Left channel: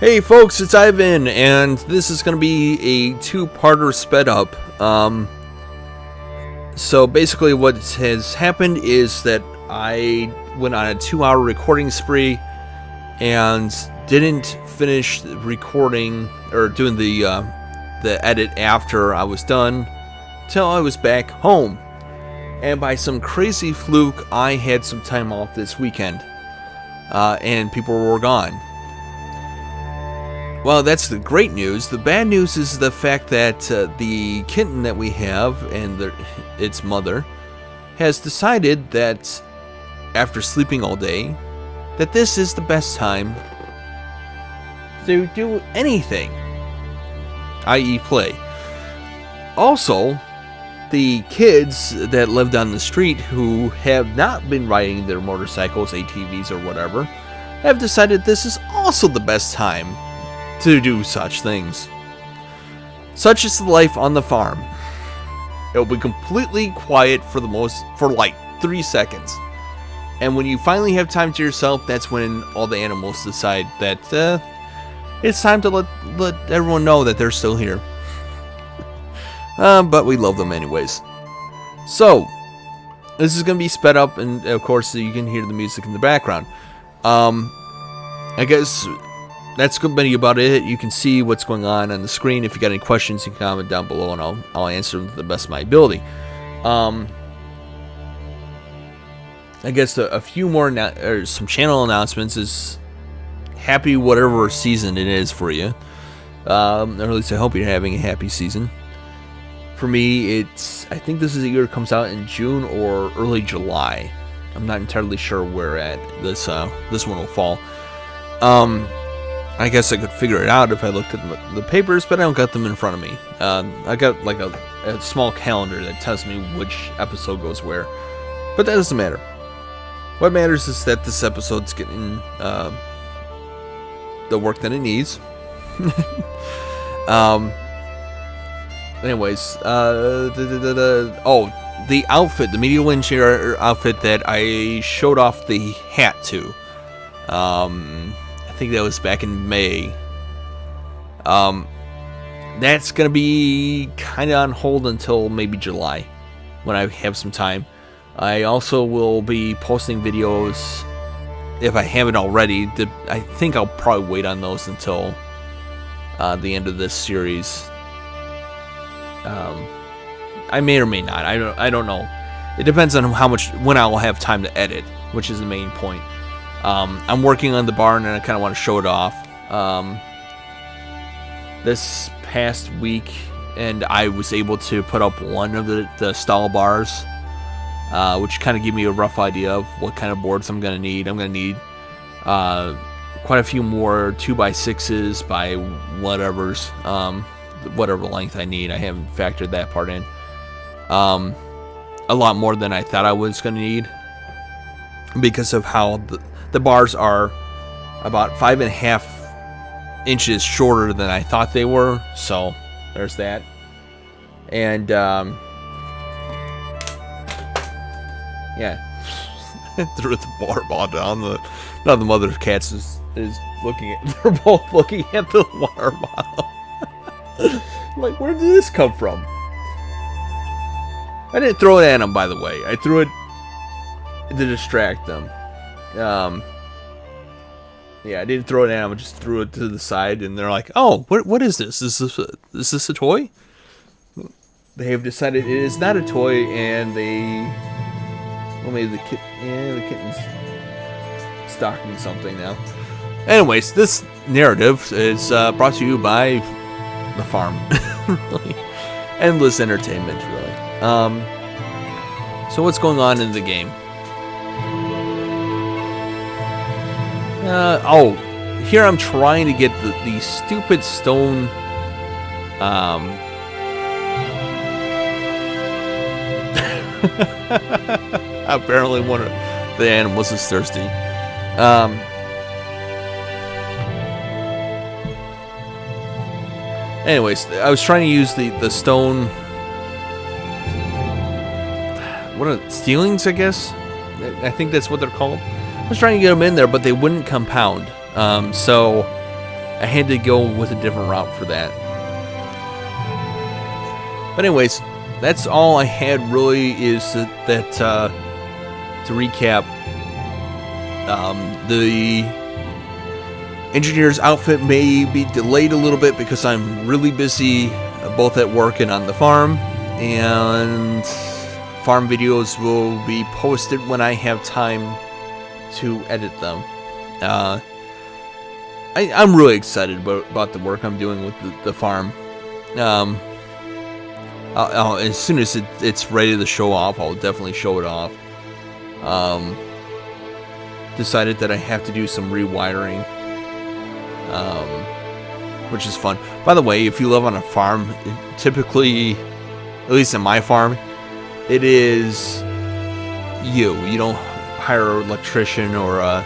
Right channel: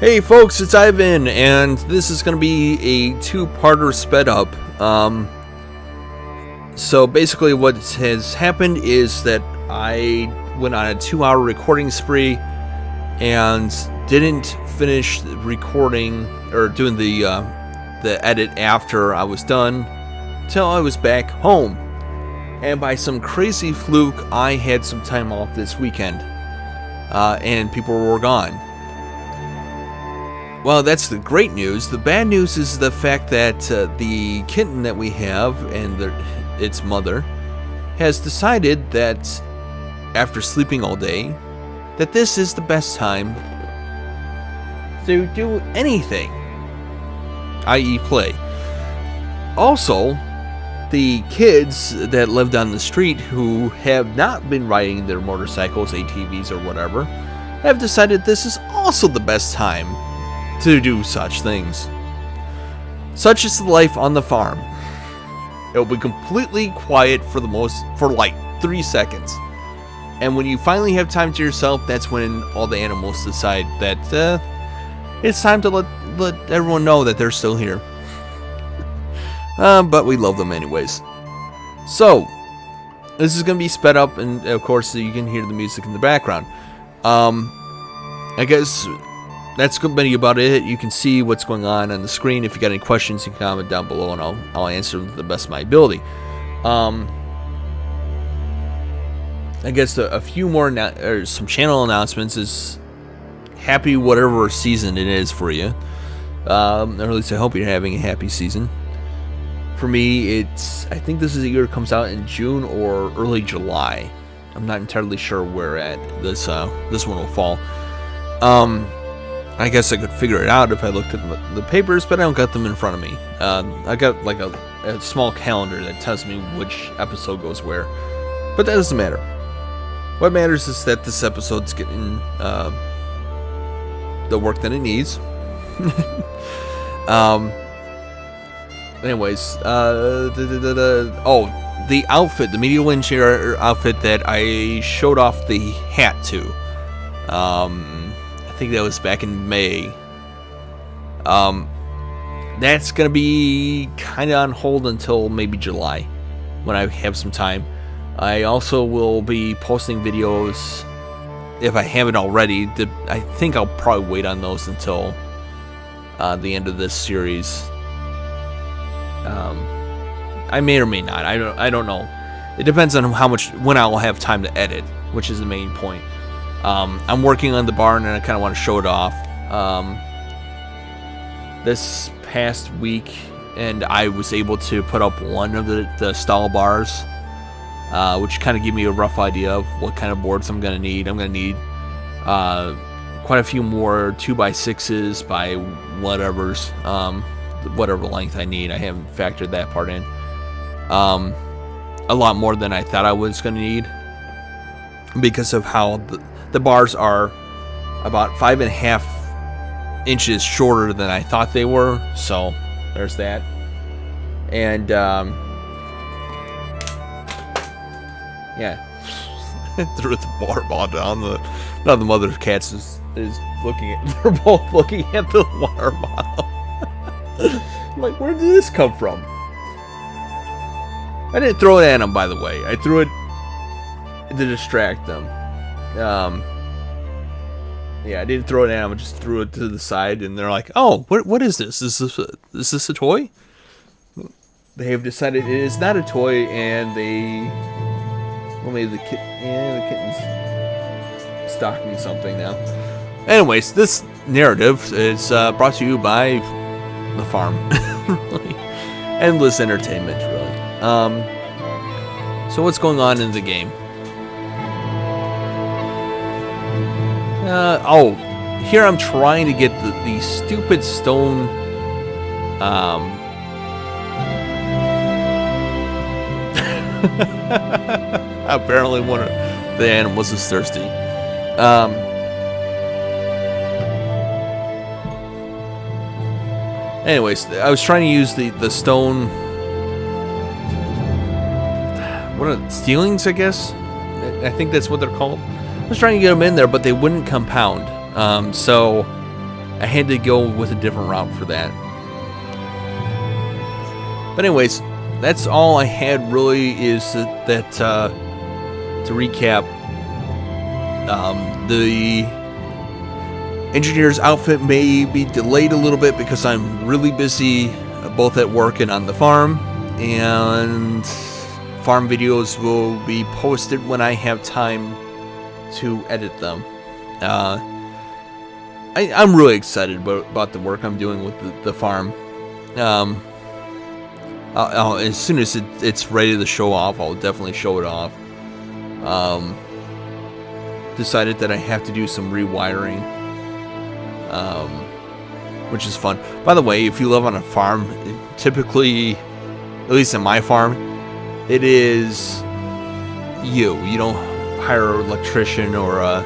Hey folks, it's Ivan, and this is going to be a two-parter sped up. So basically what has happened is that I went on a 2-hour recording spree and didn't finish recording or doing the edit after I was done till I was back home. And by some crazy fluke, I had some time off this weekend, and people were gone. Well, that's the great news. The bad news is the fact that the kitten that we have and its mother has decided that after sleeping all day, that this is the best time to do anything, i.e. play. Also, the kids that live down the street who have not been riding their motorcycles, ATVs, or whatever, have decided this is also the best time to do such things. Such is the life on the farm. It'll be completely quiet for like 3 seconds. And when you finally have time to yourself, that's when all the animals decide that it's time to let everyone know that they're still here. But we love them anyways. So, this is going to be sped up, and of course you can hear the music in the background. I guess that's going to be about it. You can see what's going on the screen. If you got any questions, you can comment down below, and I'll answer them to the best of my ability. I guess a few more or some channel announcements is happy whatever season it is for you. Or at least I hope you're having a happy season. For me, I think this is a year it comes out in June or early July. I'm not entirely sure where at this one will fall. I guess I could figure it out if I looked at the papers, but I don't got them in front of me. I got like a small calendar that tells me which episode goes where, but that doesn't matter. What matters is that this episode's getting the work that it needs. Anyways, the outfit, the media engineer outfit that I showed off the hat to. I think that was back in May. That's gonna be kind of on hold until maybe July, when I have some time. I also will be posting videos, if I haven't already. I think I'll probably wait on those until the end of this series. I may or may not. I don't know. It depends on when I will have time to edit, which is the main point. I'm working on the barn, and I kind of want to show it off. This past week, and I was able to put up one of the stall bars, which kind of gave me a rough idea of what kind of boards I'm going to need. I'm going to need quite a few more 2x6s by whatever length I need. I haven't factored that part in. A lot more than I thought I was going to need, because of how the bars are about 5.5 inches shorter than I thought they were. So there's that. And yeah, I threw the water bottle down. Now the mother cats is looking at. They're both looking at the water bottle. Like, where did this come from? I didn't throw it at them, by the way. I threw it to distract them. Yeah, I didn't throw it at them. I just threw it to the side, and they're like, "Oh, what is this? Is this a toy?" They have decided it is not a toy, and maybe the kitten's stalking something now. Anyways, this narrative is brought to you by the farm. Really, endless entertainment, really. So what's going on in the game? Here I'm trying to get the stupid stone. Apparently one of the animals is thirsty. Anyways, I was trying to use the stone. What are stealings, I guess? I think that's what they're called. I was trying to get them in there, but they wouldn't compound. So I had to go with a different route for that. But anyways, that's all I had really, is that to recap, the engineer's outfit may be delayed a little bit because I'm really busy both at work and on the farm, and farm videos will be posted when I have time to edit them. I'm really excited about the work I'm doing with the farm. As soon as it's ready to show off, I'll definitely show it off. Decided that I have to do some rewiring, which is fun. By the way, if you live on a farm, typically, at least in my farm, it is you don't hire an electrician or a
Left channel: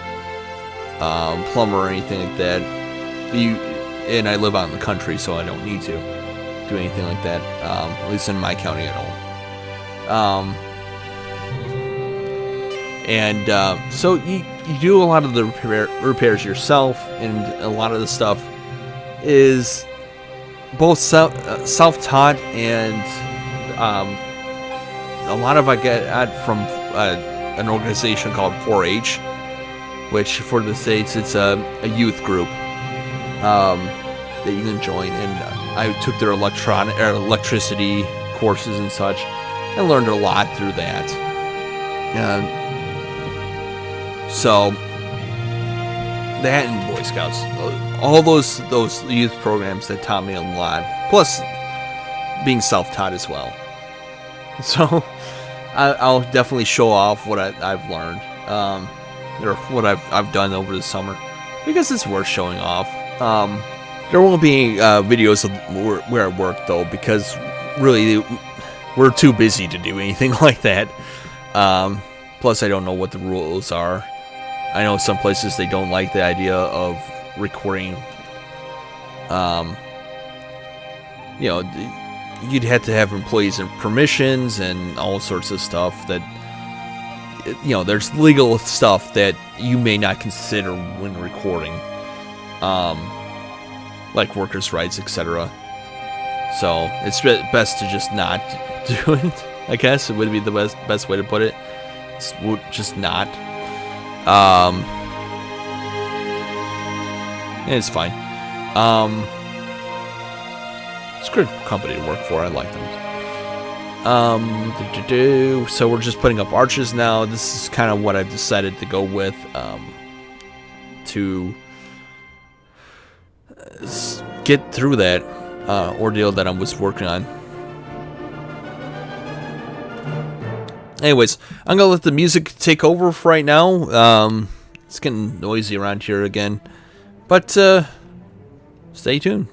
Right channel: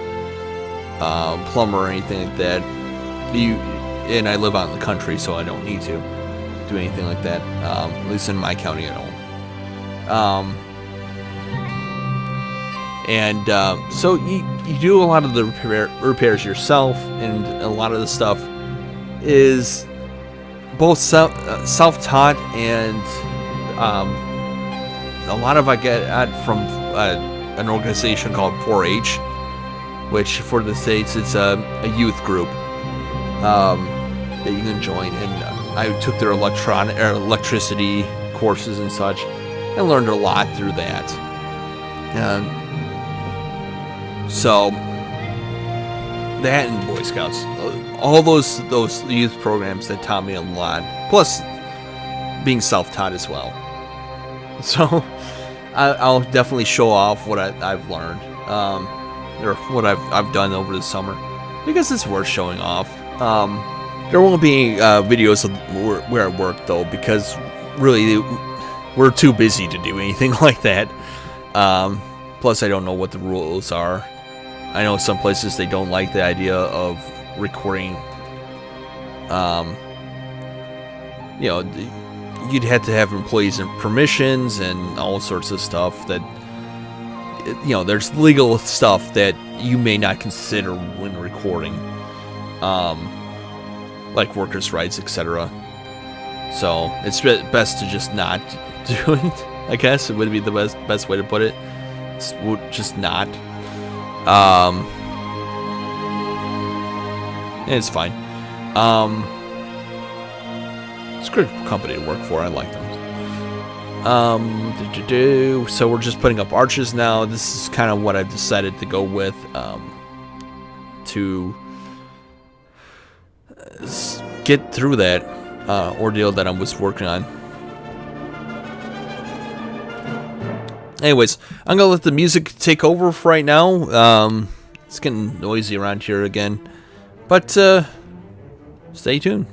plumber or anything like that. And I live out in the country, so I don't need to do anything like that. At least in my county, I don't. So you do a lot of the repairs yourself, and a lot of the stuff is both self-taught, and a lot of I get from an organization called 4-H, which for the States, it's a youth group that you can join. And I took their electricity courses and such, and learned a lot through that. So that and Boy Scouts, all those youth programs that taught me a lot. Plus, being self-taught as well. So I'll definitely show off what I've learned, or what I've done over the summer, because it's worth showing off. There won't be videos of where I work though, because really we're too busy to do anything like that. Plus, I don't know what the rules are. I know some places they don't like the idea of recording. You'd have to have employees and permissions and all sorts of stuff that, there's legal stuff that you may not consider when recording, like workers' rights, etc. So it's best to just not do it. I guess it would be the best way to put it. Just not. And it's fine. It's a great company to work for. I like them. So we're just putting up arches now. This is kind of what I've decided to go with, to get through that ordeal that I was working on. Anyways, I'm gonna let the music take over for right now. It's getting noisy around here again, but stay tuned.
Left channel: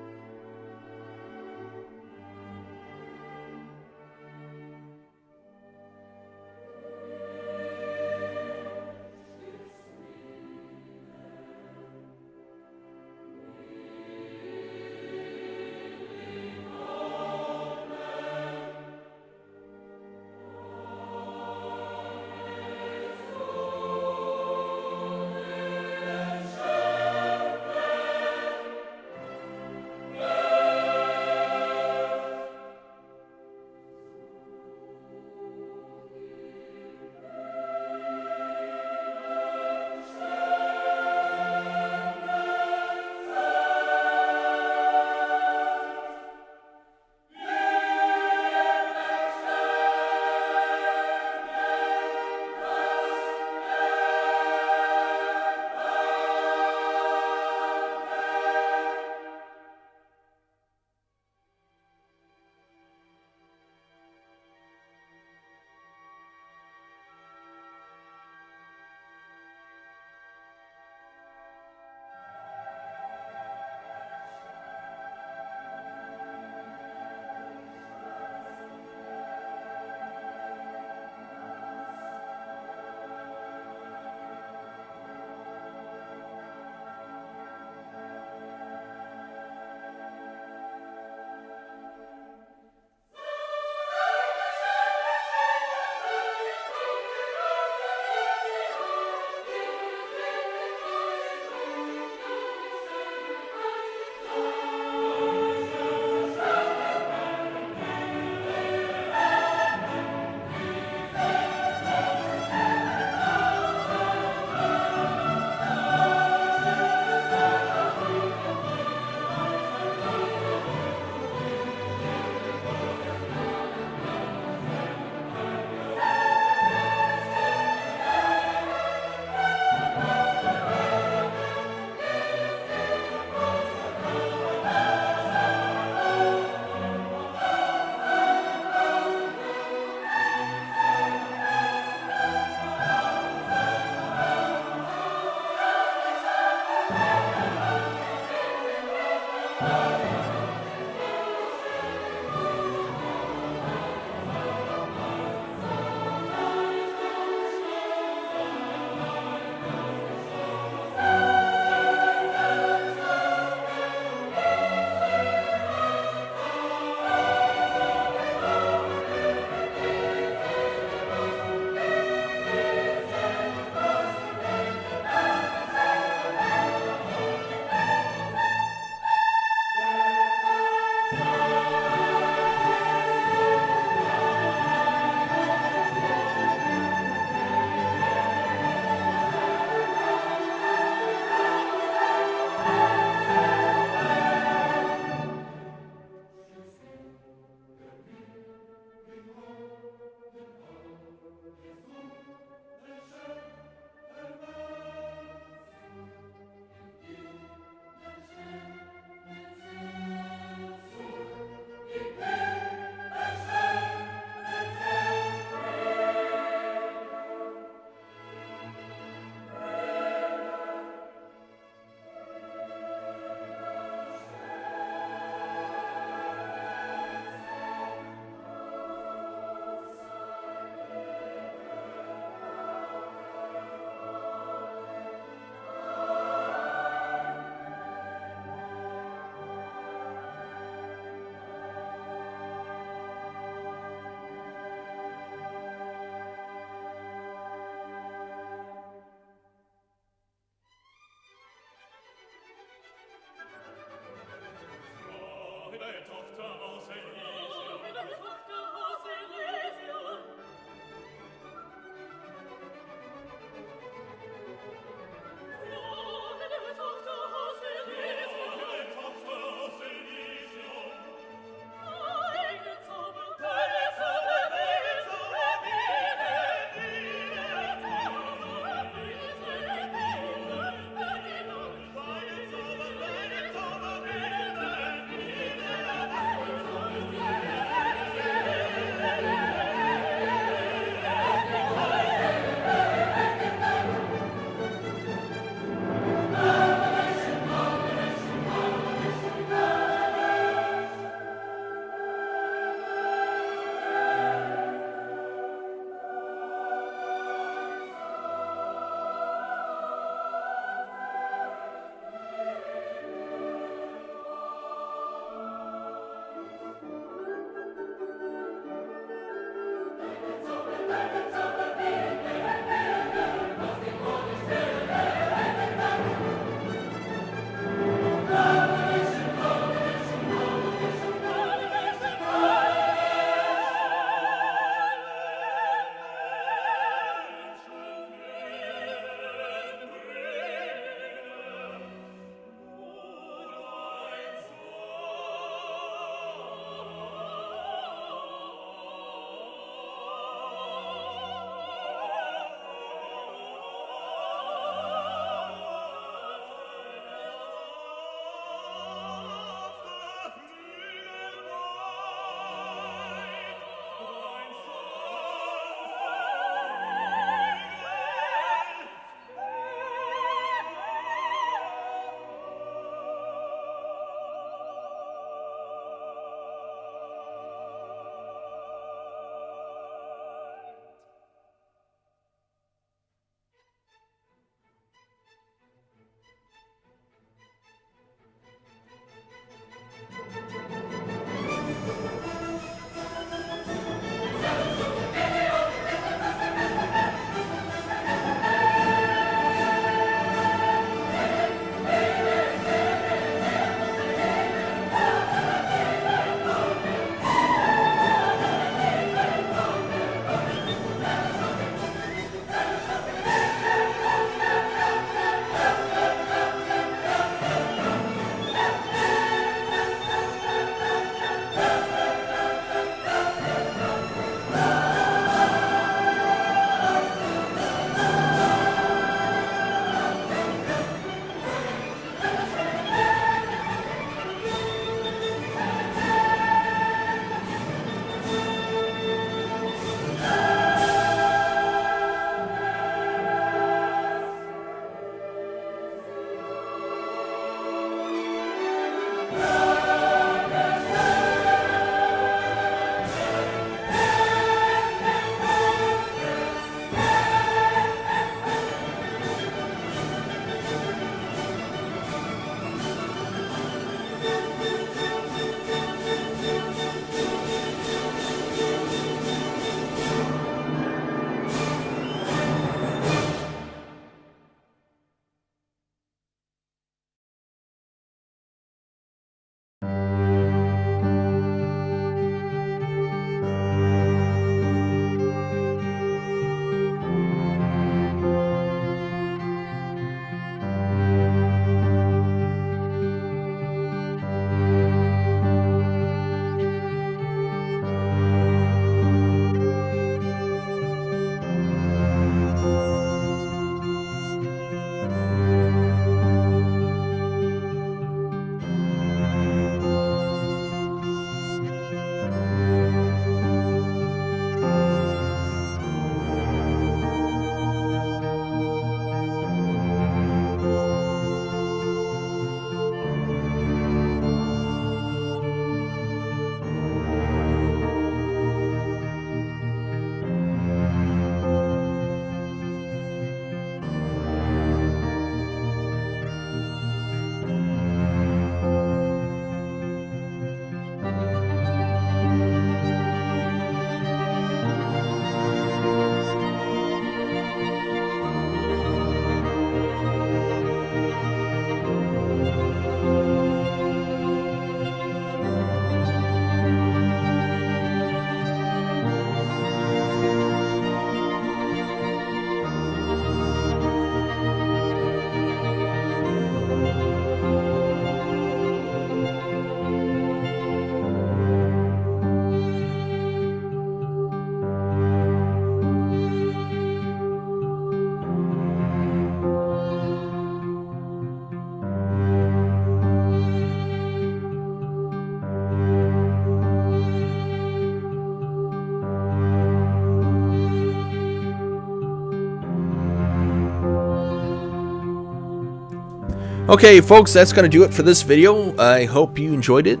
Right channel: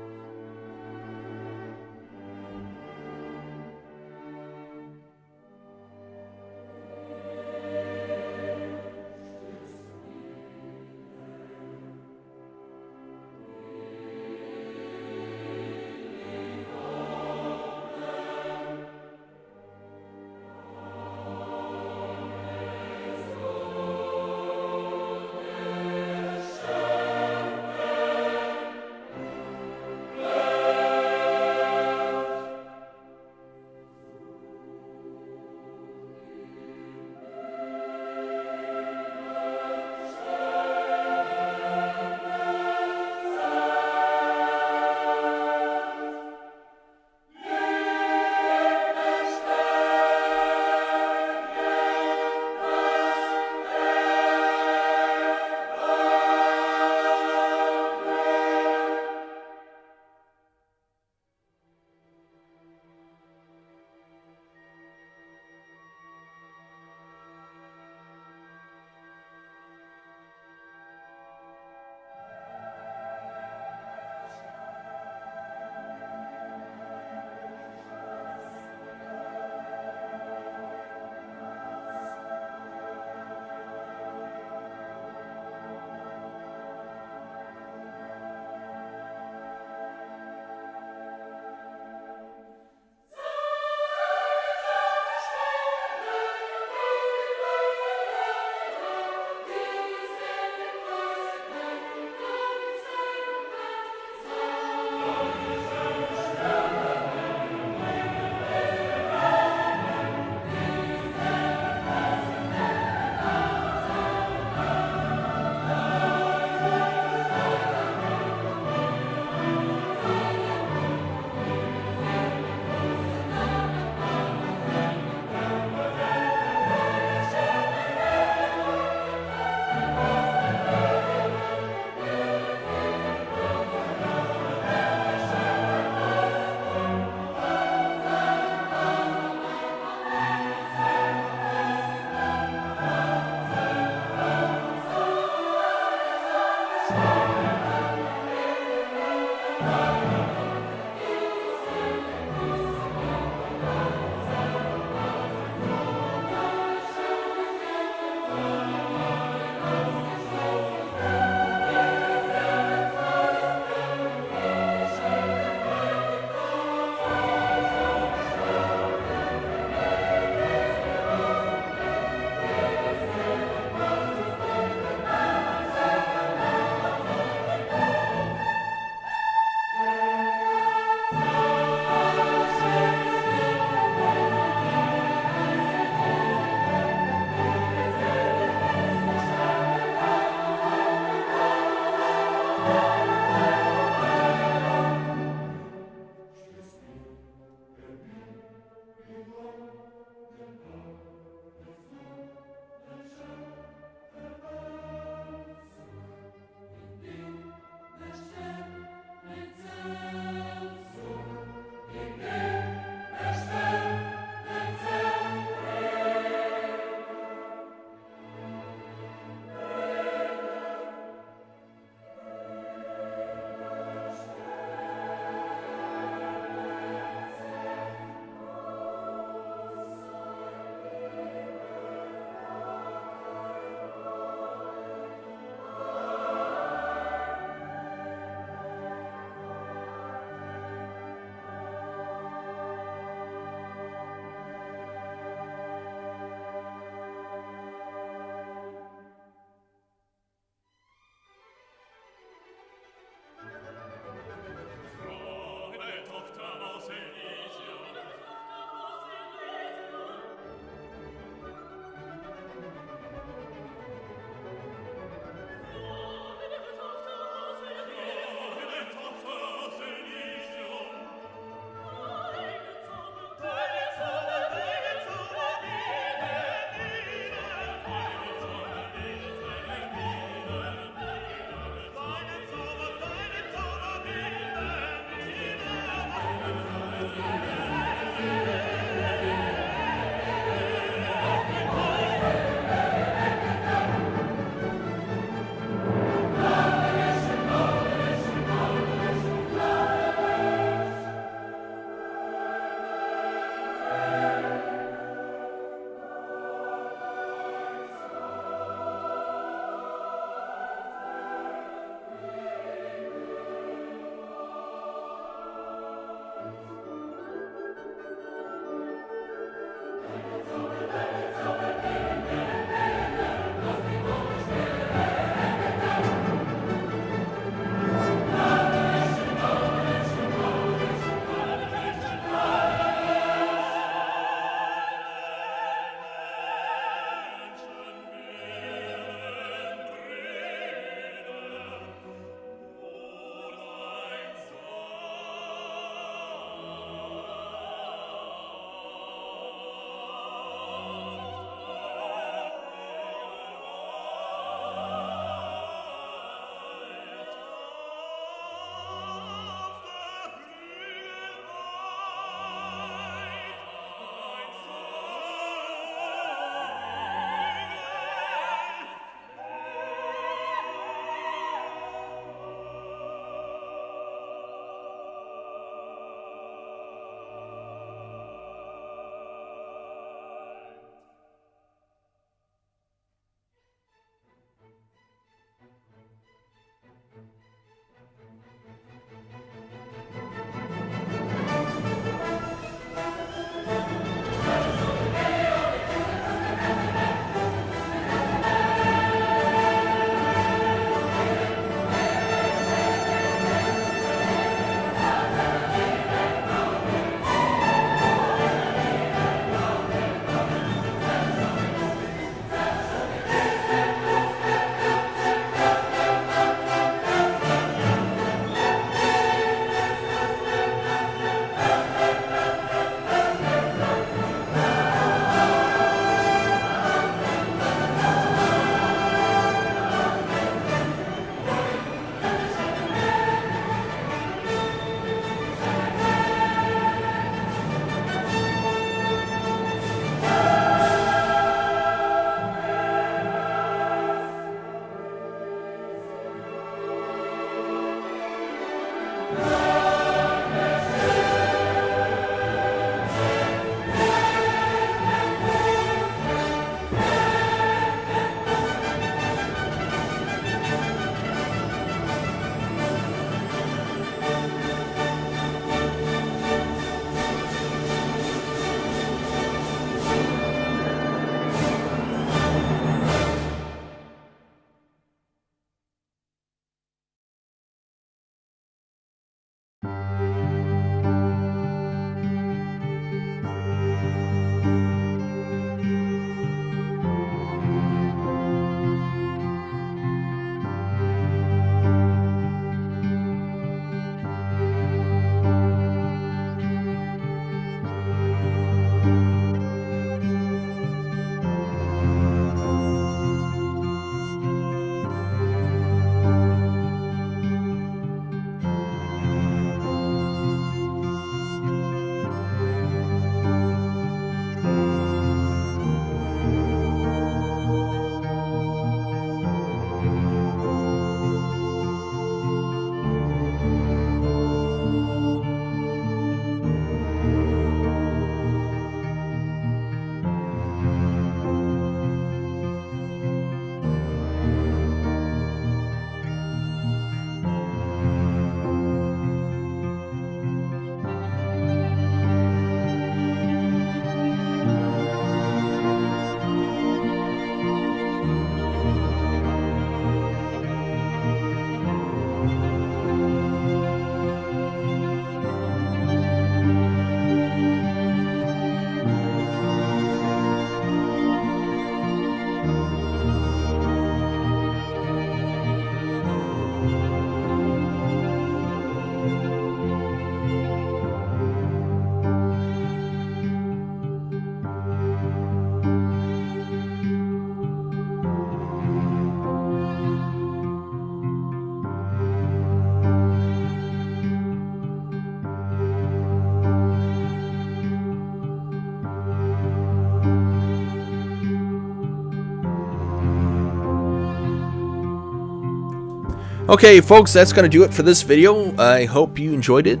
Okay, folks, that's going to do it for this video. I hope you enjoyed it.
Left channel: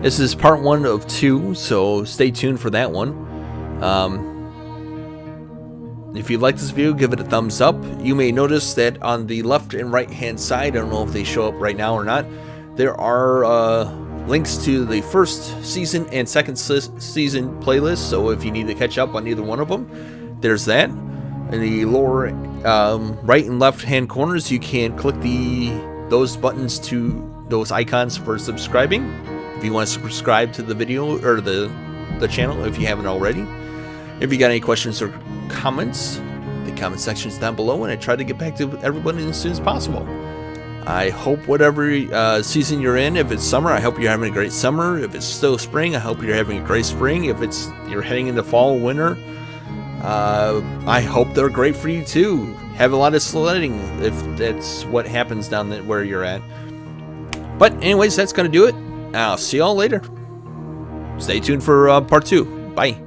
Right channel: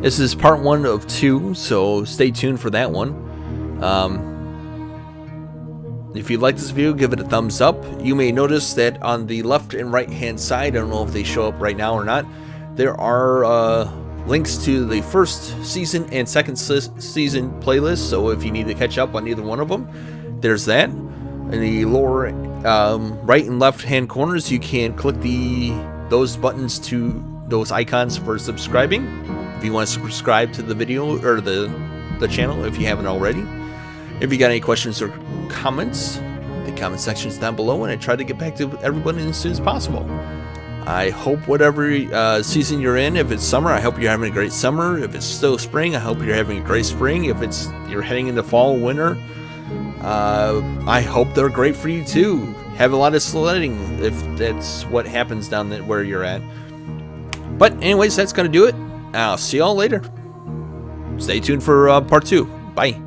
This is part 1 of 2, so stay tuned for that one. If you like this video, give it a thumbs up. You may notice that on the left and right hand side, I don't know if they show up right now or not, there are links to the first season and second season playlists. So if you need to catch up on either one of them, there's that. In the lower right and left hand corners, you can click those buttons to those icons for subscribing. If you want to subscribe to the video or the channel if you haven't already. If you got any questions or comments, the comment section is down below, and I try to get back to everybody as soon as possible. I hope whatever season you're in, if it's summer, I hope you're having a great summer. If it's still spring, I hope you're having a great spring. If you're heading into fall, winter, I hope they're great for you too. Have a lot of sledding if that's what happens down there where you're at. But anyways, that's gonna do it. I'll see y'all later. Stay tuned for part 2. Bye.